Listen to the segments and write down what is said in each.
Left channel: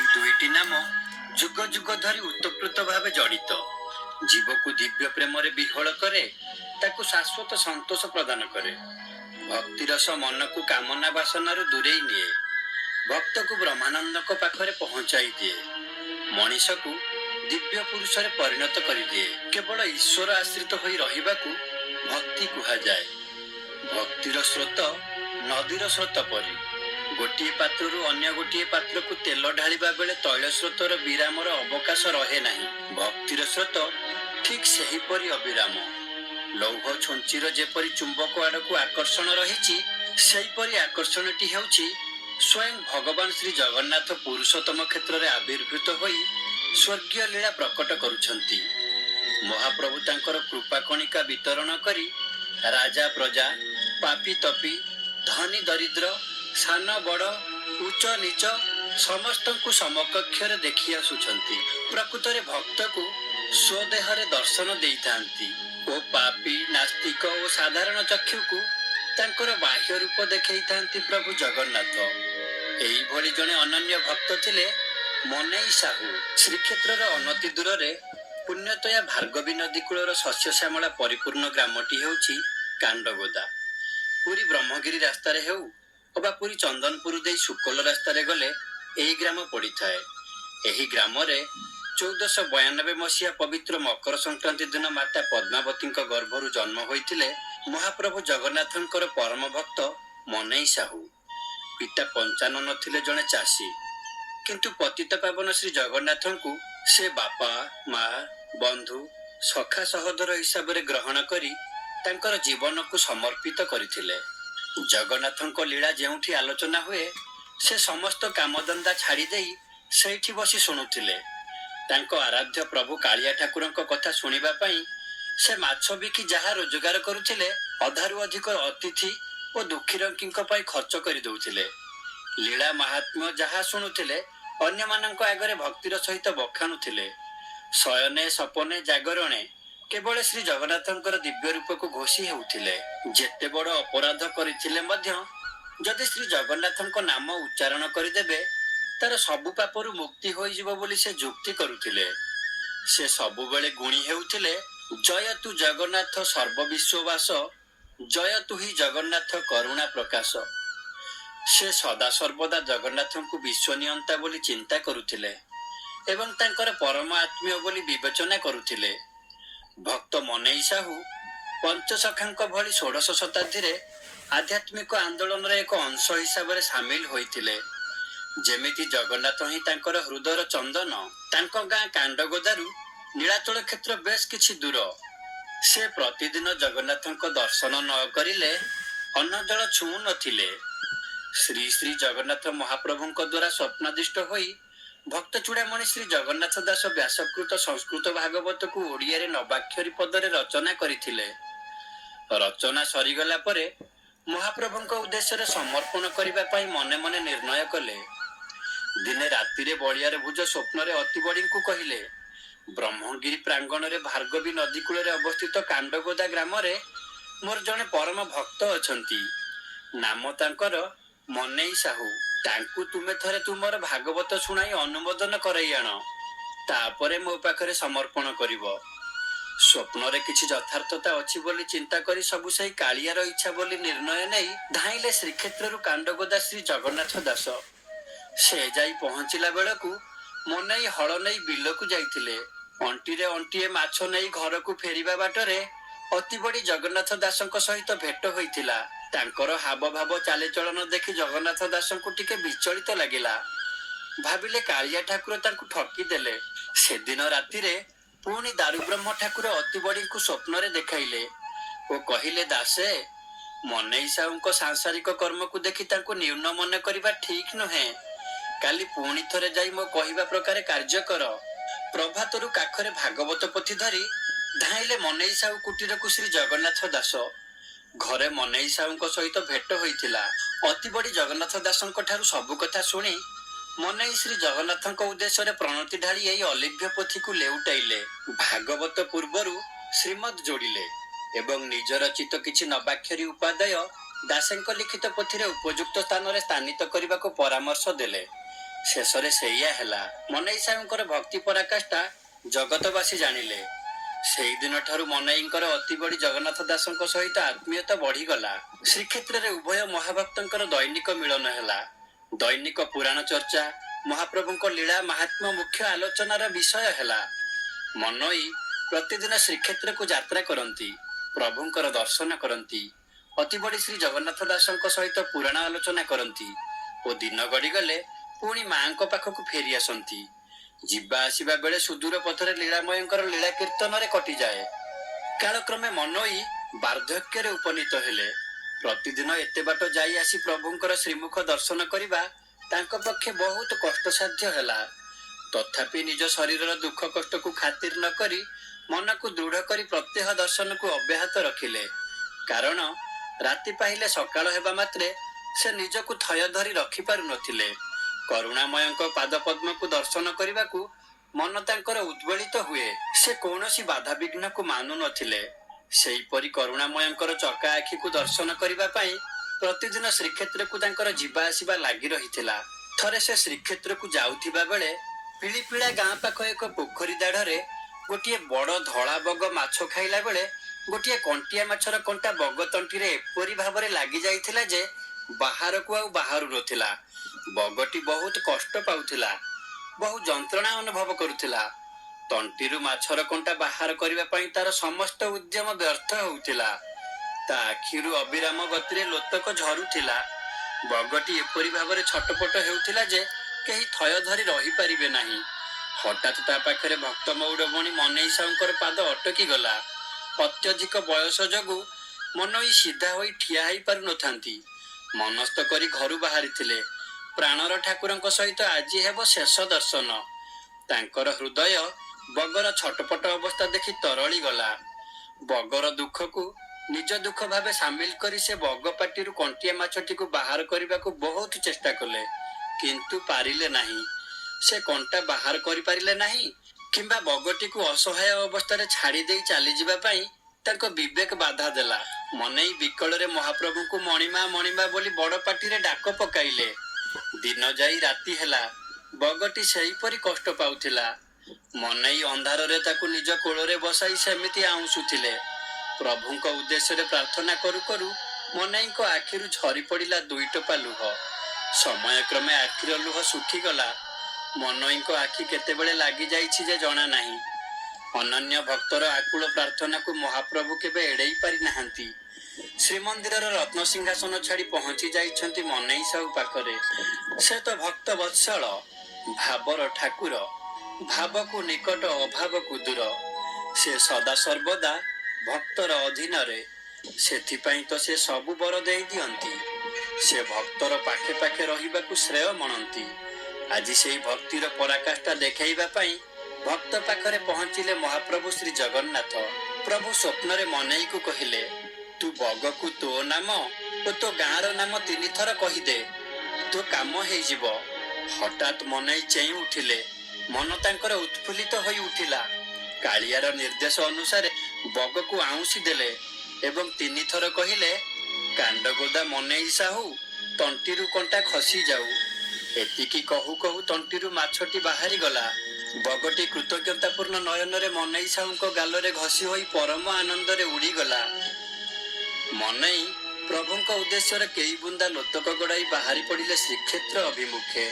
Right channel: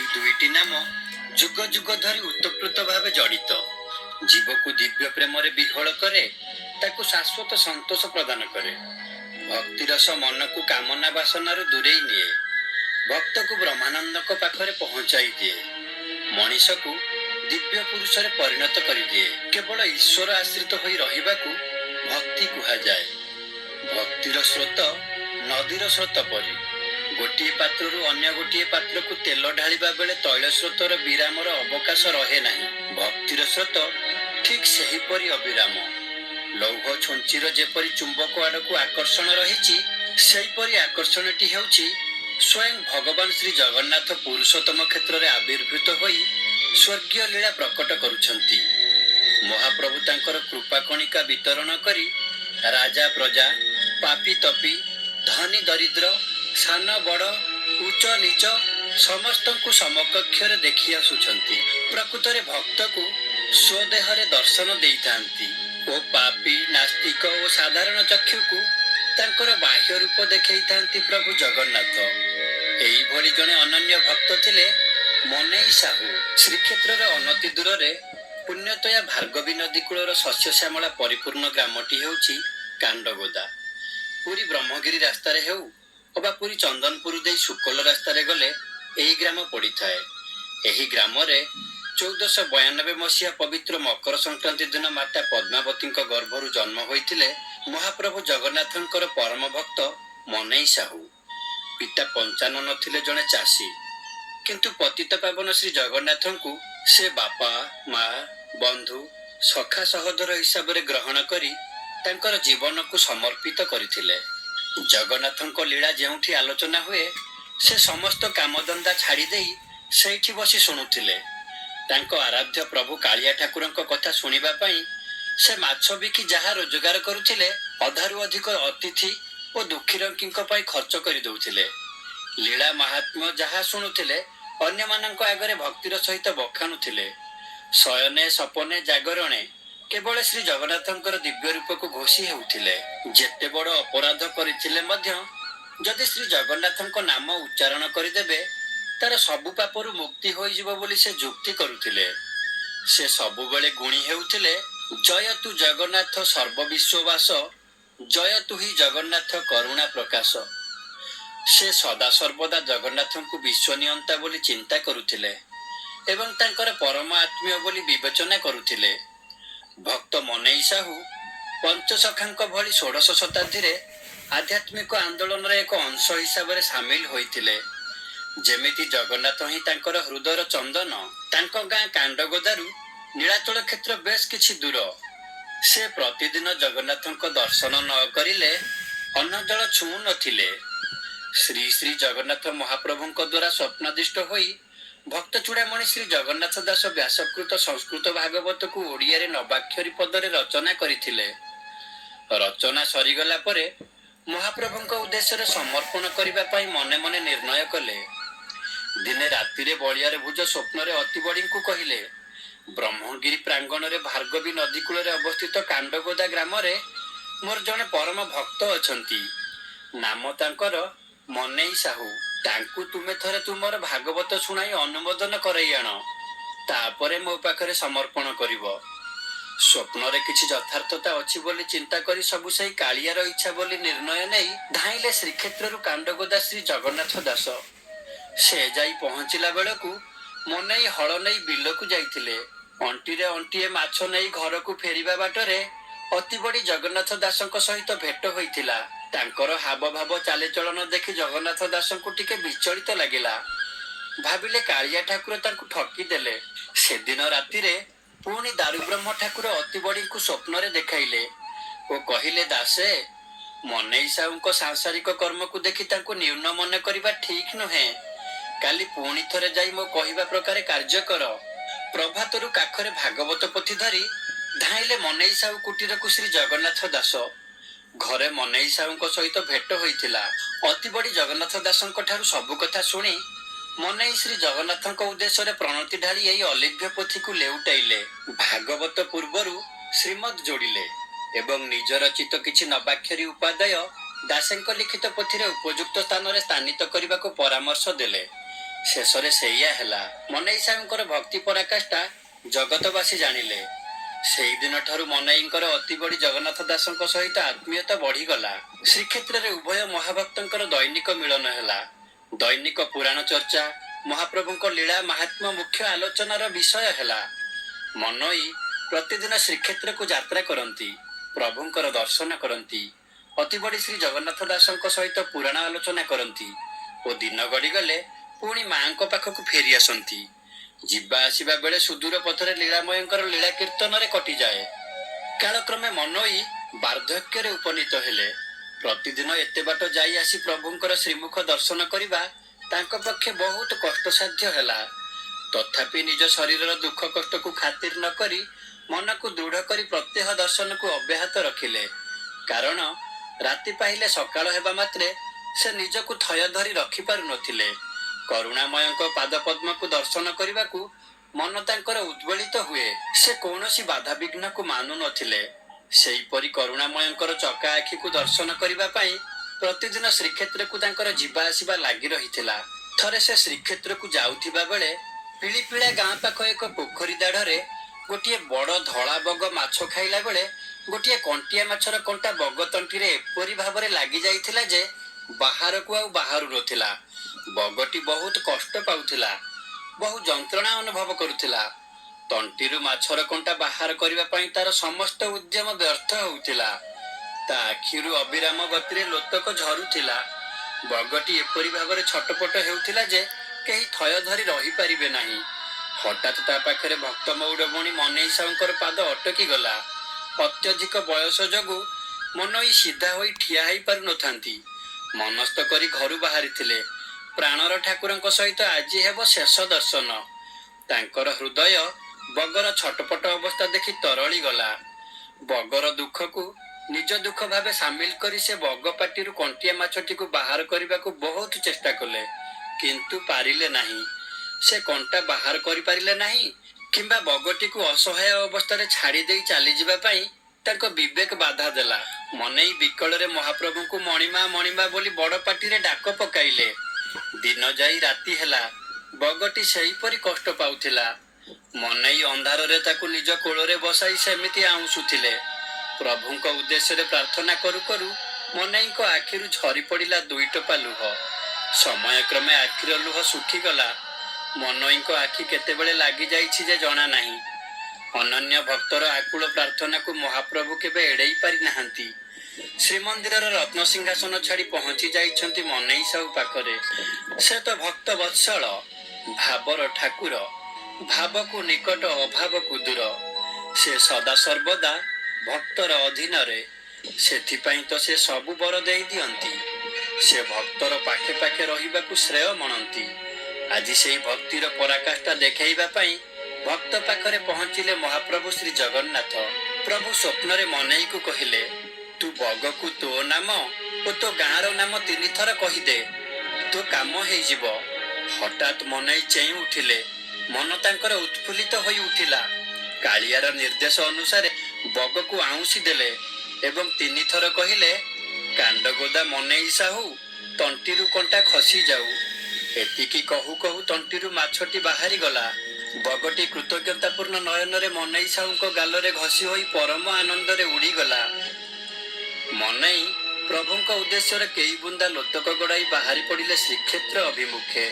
এই ଦୁଇଟି ନାମ ଯୁଗ ଯୁଗ ଧରି ଉତପ୍ରୋତ ଭାବେ ଜଡ଼ିତ। ଜୀବକୁ ଦିବ୍ୟ ପ୍ରେମରେ ବିହ୍ୱଳ କରେ, ତାକୁ ଶାଶ୍ୱତ ସନ୍ତୋଷ ପ୍ରଦାନ କରେ। ଭକ୍ତିରସ ମନକୁ କାମନା ବାସନାରୁ ଦୂରେଇ ନିଏ, ଭକ୍ତକୁ ବ୍ରହ୍ମାନନ୍ଦଙ୍କ ପାଖରେ ପହଞ୍ଚାଇ ଦିଏ, ମଣିଷକୁ ଦିବ୍ୟ ପୁରୁଷରେ ପରିଣତ କରିଦିଏ। କେବଳ ଈଶ୍ୱର ଆଶ୍ରିତ ହୋଇ ରହିବାକୁ ଭକ୍ତି କୁହାଯାଏ। ଭକ୍ତିର ସ୍ରୋତ ନଦୀର ସ୍ରୋତ ପରି, ଗୋଟିଏ ପାତ୍ରରୁ ଅନ୍ୟ ଗୋଟିଏ ପାତ୍ରକୁ ତେଲ ଢାଳିବା ବେଳେ ତୈଳ ସ୍ରୋତର ବିରାମର ଅବକାଶ ରହେ ନାହିଁ। ଭକ୍ତିର ସ୍ରୋତ ଠିକ୍ ସେହିପରି ଅବିରାମ। ଲୌହ ଛୁଞ୍ଚିର ଯେପରି ଚୁମ୍ବକ ଆଡ଼କୁ ଆକର୍ଷଣ ରହିଛି, ସେହିପରି ଆକର୍ଷଣଟି ହେଉଛି ସ୍ୱୟଂ ଭଗବାନ ଶ୍ରୀ ଜଗନ୍ନାଥ ପୁରୁଷୋତ୍ତମ କ୍ଷେତ୍ରରେ ଆବିର୍ଭୂତ ହୋଇ ସ୍ୱର୍ଗୀୟ ଲୀଳା ପ୍ରକଟ କରୁଛନ୍ତି। ମହାପ୍ରଭୁ ତାଙ୍କର କୃପା କଣିକା ବିତରଣ କରି ରାଜା ପ୍ରଜା, ପାପୀ ତପୀ, ଧନୀ ଦରିଦ୍ର, ସାନ ବଡ଼, ଉଚ୍ଚ ନୀଚ ସମସ୍ତଙ୍କୁ ସମକକ୍ଷରେ ଦେଖି ଆସୁଛନ୍ତି। ପ୍ରକୃତରେ ଭକ୍ତକୁ ସ୍ୱଦେହରେ ଦର୍ଶନ ଦେଇଥାନ୍ତି ଓ ପାପୀ, ନାସ୍ତିକ ଓ ସାଧାରଣ ଚକ୍ଷୁକୁ ତାଙ୍କର ବାହ୍ୟ ରୂପ ଦେଖାଇଥାନ୍ତି ପ୍ରଭୁ ଜଗନ୍ନାଥ। ଏଇଭଳି ଜଣେ ଅନନ୍ୟ ଭକ୍ତ ଥିଲେ ମନେଇ ସାହୁ। ଶ୍ରୀକ୍ଷେତ୍ରର ଅନତି ଦୂରରେ ପୁଣ୍ୟତୟା ଭାର୍ଗବୀ ନଦୀ କୂଳର ଶସ୍ୟଶ୍ୟାମଳା ପରିପୂର୍ଣ୍ଣ ଗ୍ରାମଟି ହେଉଛି କାଣ୍ଡଗୋଦା। ପୁରୀ ବ୍ରହ୍ମଗିରି ରାସ୍ତାରେ ହେଉ ଅବା ପୁରୀ ଚନ୍ଦନପୁର ଦେଇ ସୁକୋଲ ରାସ୍ତାରେ ଗଲେ ଏହି ଗ୍ରାମ ପଡ଼ିଥାଏ। ଏହି ଗ୍ରାମରେ 1492 ମସିହା ପବିତ୍ର ମକର ସଂକ୍ରାନ୍ତି ଦିନ ମାତା ପଦ୍ମାବତୀଙ୍କ ଗର୍ଭରୁ ଜନ୍ମ ହୋଇଥିଲେ ମହାପ୍ରଭୁ ଜଗନ୍ନାଥଙ୍କର ପରମ ଭକ୍ତ ମନେଇ ସାହୁ। ପିତା ପଞ୍ଚାନନ ଥିଲେ ଜଣେ ଚାଷୀ, କିନ୍ତୁ ପତିତ ପାବନ ଶ୍ରୀ ଜଗନ୍ନାଥଙ୍କୁ ସେ ବାପା, ମା, ବନ୍ଧୁ, ସଖା ସହୋଦର ହିସାବରେ ଗ୍ରହଣ କରି ତାଙ୍କର ଜୀବନକୁ ସମର୍ପିତ କରିଥିଲେ। ଜଗନ୍ନାଥଙ୍କ ଲୀଳା ଯେଉଁଠି ଆଲୋଚନା ହୁଏ, ସେ ସମସ୍ତ କାମଧନ୍ଦା ଛାଡ଼ି ଦେଇ ସେଇଠି ବସି ଶୁଣୁଥିଲେ। ତାଙ୍କ ଆରାଧ୍ୟ ପ୍ରଭୁ କାଳିଆ ଠାକୁରଙ୍କ କଥା ଶୁଣିବା ପାଇଁ ସେ ମାଛ ବିକି ଯାହା ରୋଜଗାର କରୁଥିଲେ, ଅଧାରୁ ଅଧିକ ଅତିଥି ଓ ଦୁଃଖୀରଙ୍କୀଙ୍କ ପାଇଁ ଖର୍ଚ୍ଚ କରି ଦଉଥିଲେ। ଲୀଳା ମାହାତ୍ମ୍ୟ ଯାହା ଶୁଣୁଥିଲେ, ଅନ୍ୟମାନଙ୍କ ଆଗରେ ଭକ୍ତିର ସହିତ ବଖାଣୁଥିଲେ। ଶୟନେ ସପନେ ଜାଗରଣେ କେବଳ ଶ୍ରୀ ଜଗନ୍ନାଥଙ୍କର ଦିବ୍ୟ ରୂପକୁ ଘୋଷି ହେଉଥିଲେ। ଯେତେ ବଡ଼ ଅପରାଧ କରିଥିଲେ ମଧ୍ୟ ଯଦି ଶ୍ରୀ ଜଗନ୍ନାଥଙ୍କ ନାମ ଉଚ୍ଚାରଣ କରିଦେବେ, ତାର ସବୁ ପାପରୁ ମୁକ୍ତି ହୋଇଯିବ ବୋଲି ସେ ଯୁକ୍ତି କରୁଥିଲେ। ସେ ସବୁବେଳେ ଗୁଣି ହେଉଥିଲେ, ଜୟତୁ ଜଗନ୍ନାଥ ସର୍ବବିଶ୍ୱବାସ, ଜୟତୁ ହି ଜଗନ୍ନାଥ କରୁଣା ପ୍ରକାଶ। ସେ ସଦାସର୍ବଦା ଜଗନ୍ନାଥଙ୍କୁ ବିଶ୍ୱନିୟନ୍ତା ବୋଲି ଚିନ୍ତା କରୁଥିଲେ ଏବଂ ତାଙ୍କର ପରମ ଆତ୍ମୀୟ ବୋଲି ବିବେଚନା କରୁଥିଲେ। ଭକ୍ତ ମନେଇ ସାହୁ ପଞ୍ଚସଖାଙ୍କ ଭଳି ଷୋଡ଼ଶ ଶତାବ୍ଦୀରେ ଆଧ୍ୟାତ୍ମିକ ଆନ୍ଦୋଳନର ଏକ ଅଂଶ ହିସାବରେ ସାମିଲ ହୋଇଥିଲେ। ଯେମିତି ଜଗନ୍ନାଥ ହିଁ ତାଙ୍କର ହୃଦୟର ଚନ୍ଦନ। ତାଙ୍କ ଗାଁ କାଣ୍ଡଗୋଦାରୁ ନୀଳାଚଳ କ୍ଷେତ୍ର ବେଶ କିଛି ଦୂର। ସେ ପ୍ରତିଦିନ ଜଗନ୍ନାଥଙ୍କ ଦର୍ଶନ ନ କରିଲେ ଅନ୍ନ ଜଳ ଛୁଁ ନଥିଲେ। ଶ୍ରୀ ଶ୍ରୀ ଜଗନ୍ନାଥ ମହାପ୍ରଭୁଙ୍କ ଦ୍ୱାରା ସ୍ୱପ୍ନାଦିଷ୍ଟ ହୋଇ ଭକ୍ତ ଚୂଡ଼ାମଣି ଶ୍ରୀ ଜଗନ୍ନାଥ ଦାସ ବ୍ୟାସକୃତ ସଂସ୍କୃତ ଭାଗବତକୁ ଓଡ଼ିଆରେ ନବାକ୍ଷରୀ ପଦରେ ରଚନା କରିଥିଲେ। ରଚନା ସରିଗଲା ପରେ ମହାପ୍ରଭୁଙ୍କ ଉଦ୍ଦେଶ୍ୟରେ ସମର୍ପଣ କରିବା ପାଇଁ ମନେ ମନେ ନିର୍ଣ୍ଣୟ କଲେ। ଦିନେ ରାତିରେ ବଳିଆର ଭୁଜ ସ୍ୱପ୍ନରେ ଅତିବଡୀଙ୍କୁ କହିଲେ, ବ୍ରହ୍ମଗିରି ପ୍ରାଙ୍ଗଣରେ ଭାର୍ଗବୀ ନଦୀ କୂଳରେ ଅବସ୍ଥିତ କାଣ୍ଡଗୋଦା ଗ୍ରାମରେ ମୋର ଜଣେ ପରମ ଭକ୍ତ ଅଛନ୍ତି। ନାମ ତାଙ୍କର ମନେଇ ସାହୁ। ତାଙ୍କୁ ତୁମେ ଥରେ ତୁମର ଭାଗବତ ଶୁଣାଇ ଅନୁମୋଦନ କରାଇ ଆଣ, ତାପରେ ମୋ ପାଖରେ ସମର୍ପଣ କରିବ। ସ୍ୱପ୍ନରେ କିଛି ଯଥାର୍ଥତା ଅଛି ବୋଲି ଚିନ୍ତା କରି ସବୁ ସେଇ କାଳିଆର ଇଚ୍ଛା ବୋଲି ନିର୍ଣ୍ଣୟ ନେଇ ଧାଇଁଲେ ଶ୍ରୀକ୍ଷେତ୍ରରୁ କାଣ୍ଡଗୋଦା ଶ୍ରୀ ଜଗନ୍ନାଥ ଦାସ। ସେ ଯାଇ ପହଞ୍ଚିଲା ବେଳକୁ ମନେଇ ହଳ ନେଇ ବିଲକୁ ଯାଇଥିଲେ। ଅଣ୍ଟିରେ ଅଣ୍ଟିଏ ମାଛ ନେଇ ଘରକୁ ଫେରିବା ବାଟରେ ଅତିବଡୀ ଜଗନ୍ନାଥ ଦାସଙ୍କ ସହିତ ଭେଟ ହୋଇଥିଲା। ତାଙ୍କର ହାବଭାବ ଚାଲିଚଳନ ଦେଖି ଜଗନ୍ନାଥ ଦାସଙ୍କୁ ଟିକେ ବିଚଳିତ ଲାଗିଲା। ଭାବିଲେ କାଳିଆ ଠାକୁର ତାଙ୍କୁ ଠକି ଦେଲେ। ସେଦିନ ରାତିରେ ପୁଣି ଦାରୁବ୍ରହ୍ମ ଠାକୁର ଅତିବଡୀଙ୍କୁ ସ୍ୱପ୍ନରେ ଦେଖାଇଲେ ଓ କହିଲେ, ଦାସେ, ମନେଇ ସାହୁଙ୍କ ସାଂସାରିକ କର୍ମକୁ ଦେଖି ତାଙ୍କୁ ନ୍ୟୁନ ମନେ କରିବା ଠିକ୍ ନୁହେଁ। କାଲି ପୁଣି ଥରେ ଯାଇ ମୋ କହିବା ପ୍ରକାରେ କାର୍ଯ୍ୟ କର। ପ୍ରଭାତରୁ କାଖରେ ଭାଗବତ ପୋଥି ଧରି ଧାଇଁଲେ ମନେଇ ସାହୁ କୁଟୀରକୁ ଶ୍ରୀ ଜଗନ୍ନାଥ ଦାସ। ଘରେ ମନେଇ ସାହୁଙ୍କ ସହିତ ଭେଟ ହୋଇଥିଲା। ଅତିବଡୀ ଜଗନ୍ନାଥ ଦାସଙ୍କ ଠାରୁ ସବୁ କଥା ଶୁଣି ମନେଇ ଶ୍ରୀ ଜଗନ୍ନାଥଙ୍କ ଉଦ୍ଦେଶ୍ୟରେ ପ୍ରଣତି ଢାଳି ଏହି ଅଲିଭ୍ୟ ପୋଥିକୁ ଲେଉଟାଇଲେ। ଭାଗବତ ପୂର୍ବରୁ ଶ୍ରୀମଦ୍ ଯୋଡ଼ିଲେ ଏବଂ ନିଜ ରଚିତ କିଛି ନବାକ୍ଷରୀ ଉପାଦେୟ ଦାସଙ୍କ ଲିଖିତ ପୋଥିରେ ଉପଯୁକ୍ତ ସ୍ଥାନରେ ସ୍ଥାନିତ କରିବାକୁ ପରାମର୍ଶ ଦେଲେ। ଶେଷରେ ସେଇଆ ହେଲା। ମନେଇ ସାହୁଙ୍କର ଭକ୍ତି ପରାକାଷ୍ଠା ଜଗତବାସୀ ଜାଣିଲେ। ସେଇଦିନ ଠାରୁ ମନେଇଙ୍କର ଅତି ବଡ଼ି ଜଗନ୍ନାଥ ଦାସଙ୍କ ସହିତ ଆତ୍ମୀୟତା ବଢିଗଲା। ଶ୍ରୀକ୍ଷେତ୍ରରେ ଉଭୟ ମହାଭକ୍ତଙ୍କର ଦୈନିକ ମିଳନ ହେଲା। ଦୈନିକ ପୁରାଣ ଚର୍ଚ୍ଚା, ମହାପ୍ରଭୁଙ୍କ ଲୀଳା ମାହାତ୍ମ୍ୟ ମୁଖ୍ୟ ଆଲୋଚନାର ବିଷୟ ହେଲା। ମନଇ ପ୍ରତିଦିନ ଶ୍ରୀକ୍ଷେତ୍ରକୁ ଯାତ୍ରା କରନ୍ତି, ପ୍ରଭୁଙ୍କର ଦର୍ଶନ କରନ୍ତି, ଅତି ବଡ଼ି ଶ୍ରୀ ଜଗନ୍ନାଥ ଦାସଙ୍କ ସହିତ ପୁରାଣ ଆଲୋଚନା କରନ୍ତି ଓ ଦିନ ଗଡ଼ିଗଲେ ପୁଣି ମାଙ୍କ ପାଖକୁ ଫେରି ଆସନ୍ତି। ଯିବା ଆସିବା ବେଳେ ସୁଦୂର ପଥରେ ଲୀଳାମୟଙ୍କର ଲୀଳା କୀର୍ତ୍ତନରେ କଟିଯାଏ। କାଳକ୍ରମେ ମନଇ ବାର୍ଦ୍ଧକ୍ୟରେ ଉପନୀତ ହେଲେ। ପ୍ରତିଦିନ ଏତେ ବାଟ ଯାଇ ଆସି ପ୍ରଭୁଙ୍କର ଶ୍ରୀମୁଖ ଦର୍ଶନ କରିବା ତାଙ୍କ ପକ୍ଷେ ବହୁତ କଷ୍ଟସାଧ୍ୟ ହେଲା। ତଥାପି ନିଜ ଶରୀରର ଦୁଃଖ କଷ୍ଟକୁ ଖାତିର ନ କରି ମନକୁ ଦୃଢ଼ କରି ପ୍ରତ୍ୟହ ଦର୍ଶନକୁ ଅବ୍ୟାହତ ରଖିଲେ। କାରଣ ରାତି ପାହିଲେ ସକାଳ ହେବା ମାତ୍ରେ ସେ ନିଜକୁ ଥୟ ଧରି ରଖିପାରୁନଥିଲେ। କରୁଣାମୟଙ୍କ ପାଦପଦ୍ମକୁ ଦର୍ଶନ କରିବାକୁ ମନ ତାଙ୍କର ଉଦ୍ବେଳିତ ହୁଏ। ସେ କୌଣସି ବାଧାବିଘ୍ନକୁ ମାନୁ ନଥିଲେ। ସେହିପରି କରୁଣାମୟଙ୍କର ଚକା ଆଖିକୁ ଦର୍ଶନ କରିବା ପାଇଁ ପ୍ରତିଦିନ ଶ୍ରୀକ୍ଷେତ୍ରକୁ ତାଙ୍କର ଯିବା ଆସିବା ଲାଗି ରହିଥିଲା। ଥରେ ସେ ଶ୍ରୀକ୍ଷେତ୍ରକୁ ଯାଉଥିବା ବେଳେ ପିଳିପିଳା ଗାଁ ପାଖ ଏକ ପୋଖରୀ ଦାଢ଼ରେ ଗୋଟିଏ ବଡ଼ ଧଳା ବଗ ମାଛ ଖାଇଲା ବେଳେ ଗୋଟିଏ କଣ୍ଟିଆ ମାଛର କଣ୍ଟା ବଗ ତଣ୍ଟିରେ ଏପରି ଭାବରେ ଲାଗି ଯାଇଥିଲା ଯେ ବାହାରକୁ ଆଉ ବାହାରୁ ନଥିଲା। ବଗଟି ବହୁତ କଷ୍ଟ ପାଉଥିଲା, ବହୁ ଯନ୍ତ୍ରଣା ଅନୁଭବ କରୁଥିଲା। ତଣ୍ଟିରୁ ମାଛର କଣ୍ଟା ବାହାର କରିବା ପାଇଁ ତାର ସମସ୍ତ ଉଦ୍ୟମ ବ୍ୟର୍ଥ ହେଉଥିଲା। ତା ଆଖିରୁ ଅବିରାମ ଗତିରେ ଲୋତକ ଝରୁଥିଲା। ବଗଟି ଏପରି ଭାବରେ ଛଟପଟ ହେଉଥିଲା ଯେ କେହି ଥୟ ଧରି ରହିପାରିବେ ନାହିଁ। ହଠାତ୍ ତା ପାଖରେ ଭକ୍ତ ମଉଡ଼ମଣି ମନେଇ ସାହୁଙ୍କର ପାଦ ଅଟକିଗଲା। ଅତ୍ୟଧିକ ବୟସ ଯୋଗୁଁ ମନଇ ସିଧା ହୋଇ ଠିଆ ହେଇପାରୁନଥାନ୍ତି। ମନସ୍ଥ କରି ଘରୁ ବାହାରିଥିଲେ, ପ୍ରାଣର ଠାକୁରଙ୍କ ସହିତ ଆଜି ହେବ ଶେଷ ଦର୍ଶନ। ତାଙ୍କର ହୃଦୟ ବଗର ଛଟପଟ ଅବସ୍ଥା ଦେଖି ତରଳି ଗଲା। ବଗର ଦୁଃଖକୁ ନିଜ ଦୁଃଖ ଭାବେ ସାମିଲ କରି ସେ ବଗ ପାଟିରୁ କଣ୍ଟିଆ ମାଛଟିକୁ ବାହାର କରିବାକୁ ବହୁତ ଚେଷ୍ଟା କଲେ, କିନ୍ତୁ ପାରିଲେ ନାହିଁ। ସେ କଣ୍ଟା ବାହାର କରିପାରିଲେ ନାହିଁ କିମ୍ବା ବଗଟିକୁ ଅସହାୟ ଅବସ୍ଥାରେ ଛାଡ଼ି ଦେଇ ଚାଲିଯିବା ପାଇଁ ତାଙ୍କ ବିବେକ ବାଧା ଦେଲା। ମନେଇ ବିକଳରେ ମହାପ୍ରଭୁଙ୍କୁ ମଣିମା ମଣିମା ବୋଲି ବଡ଼ ପାଟିରେ ଡାକ ପକାଇଲେ। ଦିନ ଯାଇ ରାତି ହେଲା, ବଗଟି ସେହିପରି କଷ୍ଟ ପାଉଥିଲା। ମନେଇ ଅନ୍ଧାରରେ ତାକୁ ନିଜ କୋଳରେ ବସାଇ ସେମିତି ଆଉଁଶୁଥିଲେ। ପ୍ରଭୁଙ୍କ ଉଦ୍ଦେଶ୍ୟରେ ପ୍ରାର୍ଥନା କରୁ କରୁ ମନେଇଙ୍କ ଆଖିରୁ ଝରି ପଡ଼ିଲା 2 ଟୋପା ଲୁହ। ସମୟକ୍ରମେ ଆଖିର ଲୁହ ଶୁଖିଗଲା। ମନଇଙ୍କ ଆଖି କେତେବେଳେ ଲାଗିଯାଇଛି ଯେ ଜଣା ନାହିଁ। ଅନନ୍ୟ ଭକ୍ତର ଆକୁଳ ପ୍ରାର୍ଥନାକୁ ମହାପ୍ରଭୁ କେବେ ଏଡ଼େଇ ପାରିନାହାନ୍ତି। ଶ୍ରୀମନ୍ଦିରର ରତ୍ନସିଂହାସନ ଛାଡ଼ି ପହଞ୍ଚି ଯାଇଛନ୍ତି ମନେଇ ସାହୁ ପାଖରେ। ସେ ତ ଭକ୍ତ ବତ୍ସଳ, ଭାବର ଠାକୁର, ଭାବକୁ ନିକଟ ଅଭାବକୁ ଦୂର। ସେ ସଦା ସର୍ବଦା ଭକ୍ତର ଅଧୀନରେ, ସେଥିପାଇଁ ତ ସେ ସବୁ ବର ଦେଇ ଦିଅନ୍ତି। ସେ ଭକ୍ତର ପାଖେ ପାଖେ ରହିବାକୁ ଶ୍ରେୟ ମଣନ୍ତି। ଆଜି ସେଇ ଭକ୍ତିର ପରାକାଷ୍ଠା ଦେଖାଇବା ପାଇଁ ଭକ୍ତ ପାଖରେ ପହଞ୍ଚିଲେ ମହାପ୍ରଭୁ ଶ୍ରୀ ଜଗନ୍ନାଥ। ପ୍ରଭୁ ସ୍ୱପ୍ନରେ ମନେଇକୁ କହିଲେ, ତୁ ବଗକୁ ତୋ ନାମ ଓ ତୋ ଗାଁର ନାମ 3 ଥର କହିଦେ, ତୋ କାମ ହେଇଯିବ। ହଠାତ୍ ମନେଇ ଚେଇଁ ଉଠିଲେ। ମନ ତାଙ୍କର ଉତ୍ଫୁଲ୍ଲିତ ହୋଇ ଉଠିଲା। କାଳିଆର ନିର୍ଦ୍ଦେଶ ଅନୁସାରେ ବଗକୁ ଆଉଁସି ଦେଲେ ଏବଂ 3 ଥର କହିଲେ, କାଣ୍ଡଗୋଦା ମନେଇ ସାହୁ, ତଣ୍ଟିରୁ କଣ୍ଟା ଖସି ଯାଉ। ଏତିକି କହୁ କହୁ ତଣ୍ଟିରୁ ମାଛଟି ବାହାରିଗଲା। ବଗଟି କୃତଜ୍ଞତାପୂର୍ଣ୍ଣ ନୟନରେ ମନେଇ ସାହୁଙ୍କ ଗାଲରେ ଘଷି ହୋଇ ପରମ ଆନନ୍ଦରେ ଉଡ଼ିଗଲା। ମନେଇ ପ୍ରଭୁଙ୍କ ଉଦ୍ଦେଶ୍ୟରେ କେଇ ବୁନ୍ଦା ଲୋତକ ଗଡ଼ାଇ ବାହାରି ପଡ଼ିଲେ ଶ୍ରୀକ୍ଷେତ୍ର ଅଭିମୁଖେ।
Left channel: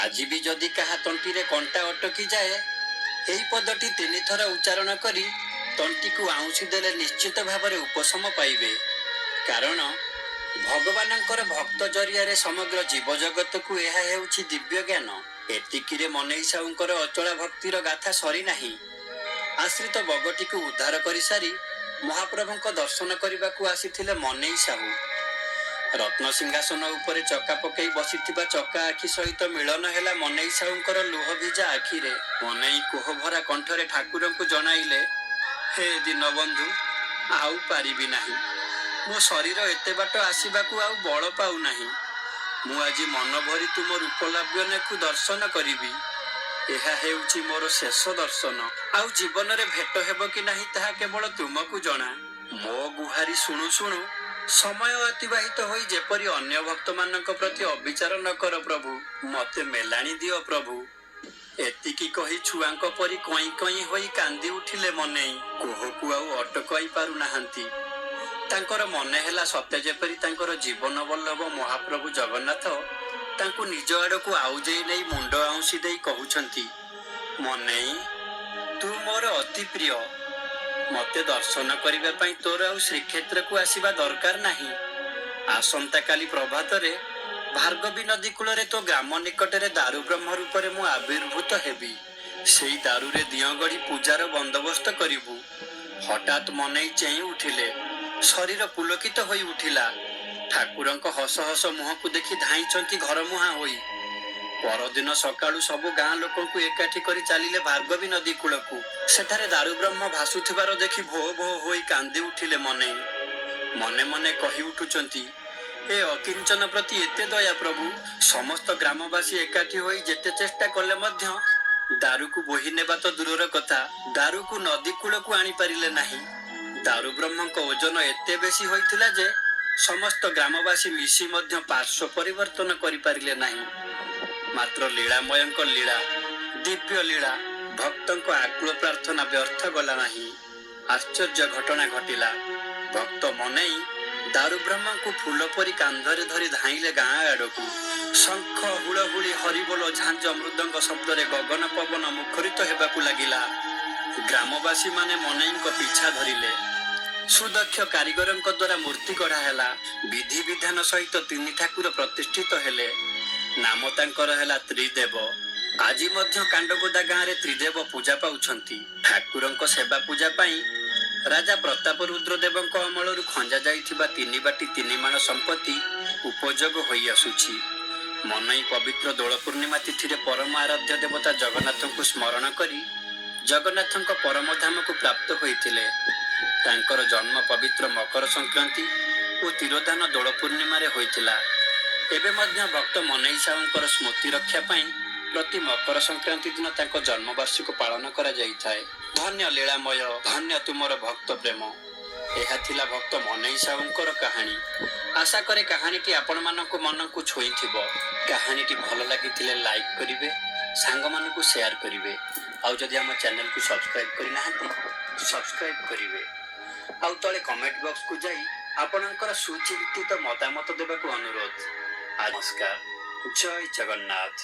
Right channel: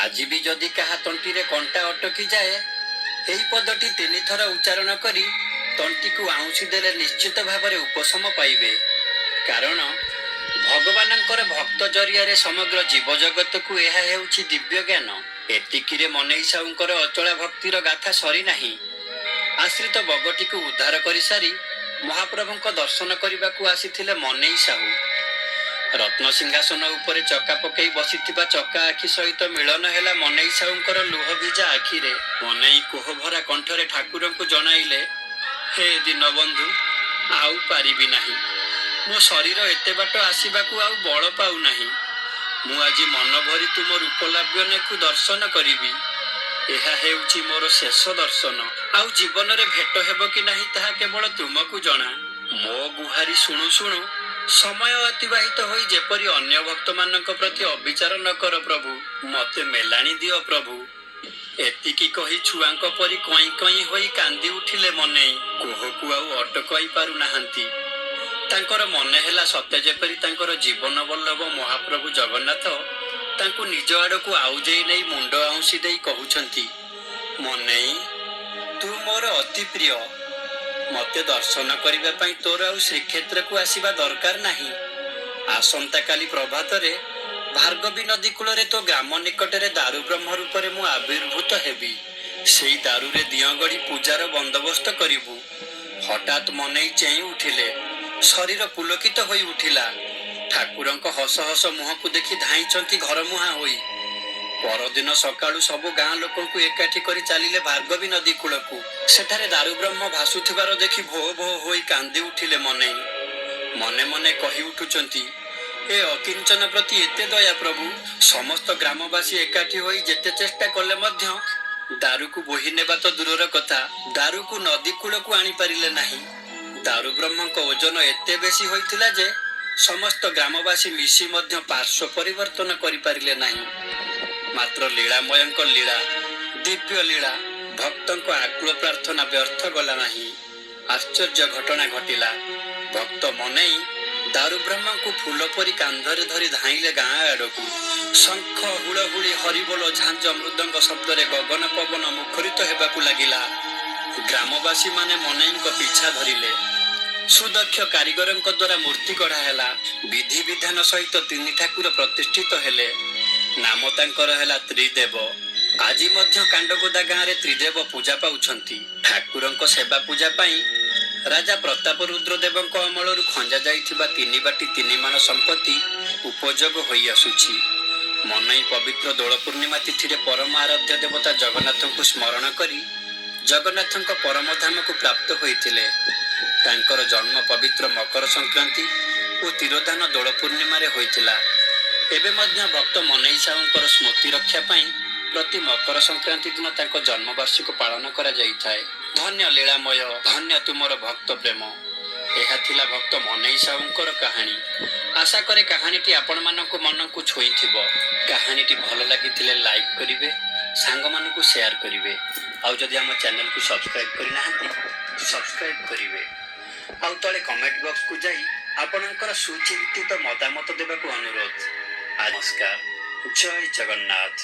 ଆଜି ବି ଯଦି କାହା ତଣ୍ଟିରେ କଣ୍ଟା ଅଟକି ଯାଏ, ଏହି ପଦଟି 3 ଥର ଉଚ୍ଚାରଣ କରି ତଣ୍ଟିକୁ ଆଉଁସି ଦେଲେ ନିଶ୍ଚିତ ଭାବରେ ଉପଶମ ପାଇବେ। କାରଣ ଭଗବାନଙ୍କର ଭକ୍ତ ଜରିଆରେ ସମଗ୍ର ଜୀବଜଗତକୁ ଏହା ହେଉଛି ଦିବ୍ୟ ଜ୍ଞାନ। ଏତିକିରେ ମନେଇ ସାହୁଙ୍କର ଅଚଳା ଭକ୍ତିର ଗାଥା ସରିନାହିଁ। ଆଶ୍ରିତ ବଗଟିକୁ ଉଦ୍ଧାର କରିସାରି ମହାପ୍ରଭୁଙ୍କ ଦର୍ଶନ କରିବାକୁ ଆସିଥିଲେ ମନେଇ ସାହୁ। ରତ୍ନସିଂହାସନ ଉପରେ ଚକା ପକାଇ ବସିଥିବା ଚକା ଆଖି ସହିତ ମିଳନ ହେଲା ମନେଇ ସାହୁଙ୍କର ଲୁହ ଭିଜା ଆଖିରେ। ମନେଇ କୋହଭରା କଣ୍ଠରେ ଠାକୁରଙ୍କୁ ଜଣାଇଲେ, ହେ ଦୀନବନ୍ଧୁ, ଆଉ ପାରିବି ନାହିଁ। ମୋ ଶରୀର ଏତେ ବାଟ ଆସିବାକୁ ଆଉ ବଳ ପାଉନାହିଁ। ମୁଁ ଆଜି ମନ ଭରି ତୁମ ରୂପଲାବଣ୍ୟକୁ ଦର୍ଶନ କରିବି। ଏହା ହେଉଛି ମୋର ଶେଷ ଦର୍ଶନ। ଆଉ ଜୀବନରେ ଭେଟ ହେବ କି ନାହିଁ ତାହା କେବଳ ତୁମକୁ ଜଣା। ମୋ ଗୁହାରି ଶୁଣୁ ଶୁଣୁ ସମୟ ଅତିବାହିତ ହୋଇ ଯେପରି ଅନ୍ୟ ଭକ୍ତମାନଙ୍କ ପ୍ରତି ଅବିଚାର ନ କର ପ୍ରଭୁ, ମତେ ମେଲାଣି ଦିଅ ପ୍ରଭୁ। ଏତିକି କହି ଛୁଆଙ୍କ ପରି କଇଁ କଇଁ ହୋଇ କାନ୍ଦି ଉଠିଲେ ମନେଇ। କୋହକୁ ଆଉ ଅଟକାଇ ପାରୁନାହାନ୍ତି। ତାଙ୍କର ମନେ ହେଲା ସତେ ଯେପରି ତାଙ୍କର ଜୀବନ ବଲ୍ଲଭ ମହାପ୍ରଭୁ ଜଗନ୍ନାଥ ତାଙ୍କୁ ନିଜ ଆଡ଼କୁ ଆଉଜେଇ ନେଇ ମୁଣ୍ଡ ଆଉଁସି ଦେଇ କହୁଛନ୍ତି, ମନେଇ, ତୁ ମୋର ଅତି ପ୍ରିୟ। ମତେ ଦର୍ଶନ କରିବା ପାଇଁ ତୋର ଆଉ ଶ୍ରୀକ୍ଷେତ୍ରକୁ ଆସିବା ଦରକାର ନାହିଁ। ଆସନ୍ତାକାଲି ପ୍ରଭାତରେ ଭାର୍ଗବୀ ନଦୀ କୂଳରେ ତୋ ଗ୍ରାମ ନିକଟରେ ଦାରୁ ବ୍ରହ୍ମ ରୂପରେ ମୁଁ ଆବିର୍ଭୂତ ହେବି। ସେଇ ଦାରୁରେ ଦିଅଁ ଗଢ଼ି ପୂଜାର ବନ୍ଦୋବସ୍ତ କରିବୁ। ହଠାତ୍ ମନେଇ ଚେଇଁ ଉଠିଲେ। ଶରୀର ପୁଲକିତ ହୋଇ ଉଠିଲା। ଠାକୁରଙ୍କ ହସ ହସ ମୁହଁକୁ ଦେଖି ଧାଇଁଛନ୍ତି ଘରମୁହାଁ ହୋଇ। ପରଦିନ ସକାଳୁ ସବୁ ଗାଁ ଲୋକଙ୍କୁ ଏକାଠି କରି ଚାଲିଲେ ଭାର୍ଗବୀ ନଦୀ କୂଳକୁ। ସେଠାରେ ଦାରୁ ବ୍ରହ୍ମ ଭାସୁଥିବାର ଦେଖି ଭୋ ଭୋ ହୋଇ କାନ୍ଦି ଉଠିଲେ ମନେଇ। ମନେ ମନେ କହି ଉଠୁଛନ୍ତି, ଏ ଅକିଞ୍ଚନ ପ୍ରତି ଏତେ ଦୟା ପ୍ରଭୁ। ସମସ୍ତ ଗ୍ରାମବାସୀ ଏକାଠି ହୋଇ ଯେତେ ଚେଷ୍ଟା କଲେ ମଧ୍ୟ ଦାରୁକୁ ବୋହି ନେବା ତ ଦୂରର କଥା, ଦାରୁକୁ ନଦୀ କୂଳକୁ ଆଣିପାରିଲେ ନାହିଁ। ଦାରୁ ବ୍ରହ୍ମଙ୍କ ଓଜନ ଏତେ ବେଶୀ ହୋଇଥିଲା ଯେ ସମସ୍ତ ଗ୍ରାମବାସୀ ମିଶି ମଧ୍ୟ ପାର୍ଶ୍ୱ ପରିବର୍ତ୍ତନ କରିପାରିଲେ ନାହିଁ। ମାତ୍ର ଲୀଳାମୟଙ୍କ ଲୀଳା, ଦିବ୍ୟ ଲୀଳା, ଭକ୍ତଙ୍କ ଆକୁଳ ପ୍ରାର୍ଥନା ବ୍ୟର୍ଥ ଗଲା ନାହିଁ। ଆଶ୍ଚର୍ଯ୍ୟ ଘଟଣା ଘଟିଲା। ଭକ୍ତ ମନେଇ ଦାରୁ ବ୍ରହ୍ମଙ୍କୁ ଫୁଲ ପରି କାନ୍ଧରେ ଧରି ଧାଇଁଲେ ଗାଁ ଆଡ଼କୁ। ଶଙ୍ଖ, ହୁଳହୁଳି, ହରିବୋଲ, ଝାଞ୍ଜ, ମୃଦଙ୍ଗ ଶବ୍ଦରେ ଗଗନ ପବନ ମୁଖରିତ ହେବାକୁ ଲାଗିଲା। ଗ୍ରାମବାସୀମାନେ ମନେଇଙ୍କ ପିଛା ଧରିଲେ। ସୁଦକ୍ଷ କାରିଗରଙ୍କ ଦ୍ୱାରା ମୂର୍ତ୍ତି ଗଢ଼ା ହେଲା। ବିଧି ବିଧାନ ସହିତ ତିନି ଠାକୁର ପ୍ରତିଷ୍ଠିତ ହେଲେ। ନାମ ତାଙ୍କର ହେଲା ତ୍ରିଦେବ। ଆଜି ମଧ୍ୟ କାଣ୍ଡଗୋଦା ଗାଁରେ ତ୍ରିଦେବ ପୂଜା ପାଉଛନ୍ତି। ଠାକୁରଙ୍କ ସେବା ପୂଜା ପାଇଁ ରାଜା ପ୍ରତାପ ରୁଦ୍ର ଦେବଙ୍କ ଅମଳରୁ ଖଞ୍ଜା ଯାଇଥିବା 3 ବାଟି 3 ମାଣ ସମ୍ପତ୍ତି ଉପଯୋଗ ହୋଇ ଆସୁଛି। ମନେଇ ପବିତ୍ର ଦୋଳ ପୂର୍ଣ୍ଣିମା ତିଥିରେ ପରମ ଆରାଧ୍ୟ ଦେବତା ଜଗନ୍ନାଥଙ୍କୁ ସ୍ମରଣ କରି ଜଗନ୍ନାଥଙ୍କ ପରମଧାମକୁ ପ୍ରାପ୍ତ ହୋଇଥିଲେ। ତାଙ୍କର ଜନ୍ମ ପବିତ୍ର ମକର ସଂକ୍ରାନ୍ତି ଓ ତିରୋଧାନ ଦୋଳ ପୂର୍ଣ୍ଣିମାରେ ହୋଇଥିଲା। ଏବେ ମଧ୍ୟ ଭକ୍ତ ମନେଇ ସାହୁଙ୍କର ସ୍ମୃତି ରକ୍ଷା ପାଇଁ ପ୍ରତି ମକର ସଂକ୍ରାନ୍ତି ଦିନ ତାଙ୍କ ଜନ୍ମବାର୍ଷିକ ପାଳନ କରାଯାଇଥାଏ। ଧନ୍ୟ ଲୀଳାମୟ, ଧନ୍ୟ ତୁମର ଭକ୍ତ ପ୍ରେମ। ଏହା ଥିଲା ଭକ୍ତ ମନେଇ ସାହୁଙ୍କର କାହାଣୀ। ଆଶା କରେ କାହାଣୀଟି ଆପଣମାନଙ୍କ ମନକୁ ଛୁଇଁଥିବ। କାହାଣୀଟି ଭଲ ଲାଗିଥିଲେ ଲାଇକ୍ କରିବେ, ସାଙ୍ଗମାନଙ୍କୁ ସେୟାର କରିବେ। ଆଉ ଯଦି ଆମ ଚ୍ୟାନେଲକୁ ସବସ୍କ୍ରାଇବ୍ କରିନାହାନ୍ତି, ସବସ୍କ୍ରାଇବ୍ କରିବେ। ଆଉ ତଳେ କମେଣ୍ଟ ବକ୍ସକୁ ଯାଇ ଆପଣଙ୍କର ସୁଚିନ୍ତିତ ମତାମତ ଦେବାକୁ ଅନୁରୋଧ। ନମସ୍କାର। ଜୟ ଜଗନ୍ନାଥ।